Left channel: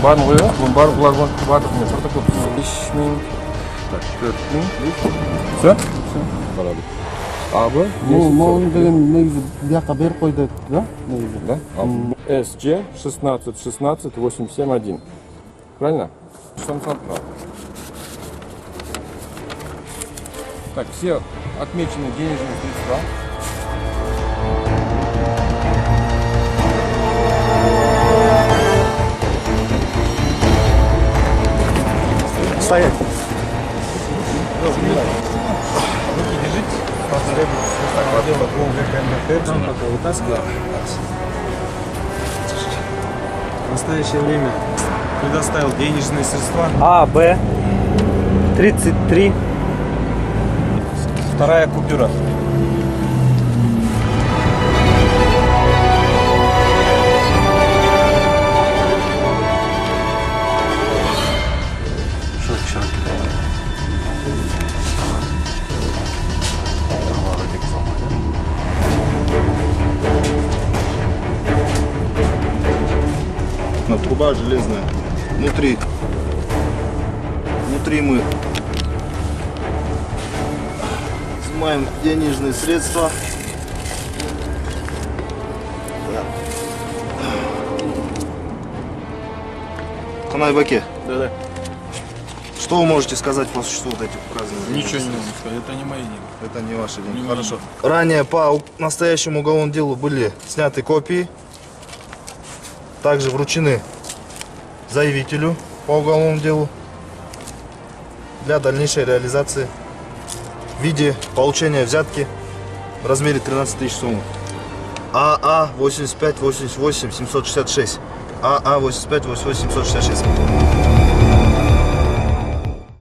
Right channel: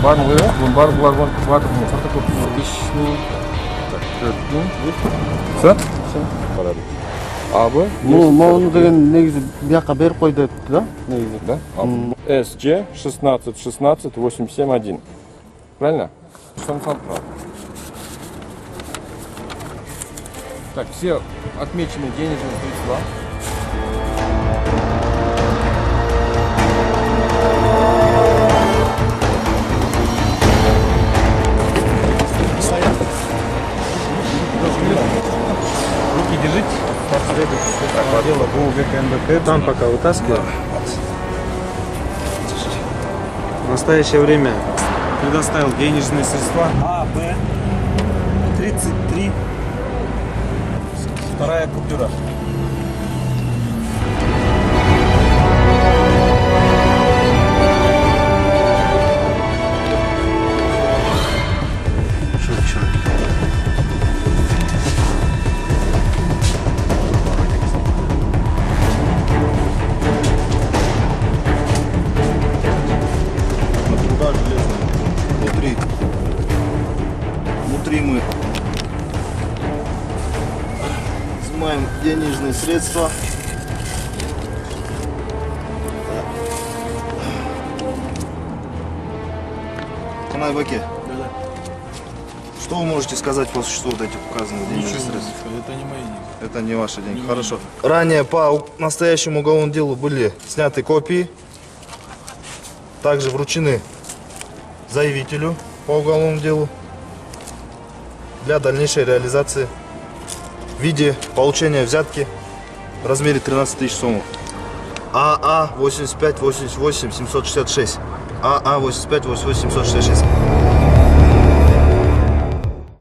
Барын қояйық, бұның барлық бұлар батыр мен протокол түсіріп 5000, так, 4000. Все? Все. Корабль. АБ Мауны деген негізі бияққа беріп қойды да? Негізі. Да? СЖ 16 16 871. Правильно? Так, все отмечены денежные средства. Стоять. Руки держите. Там пока вытаскиваю. В настоящее время предоставил денежные средства. А, Б, 33. Вторая купюра. Труба железная. Внутри мы изымаем денежные средства. Так. Канайбаке. Да-да. Что вы можете сказать по существу вот этих указанных денежных Ничего не могу средств? сказать, это не мои деньги. Это не ваши деньги. Не Хорошо. мои. Ранее по настоящему уголовному делу были сняты копии. Также вручены заявителю по уголовному делу для дальнейшей реализации в виде получения взятки в размере 13 тысяч сомов. АА 8588 766. АА 8588 766.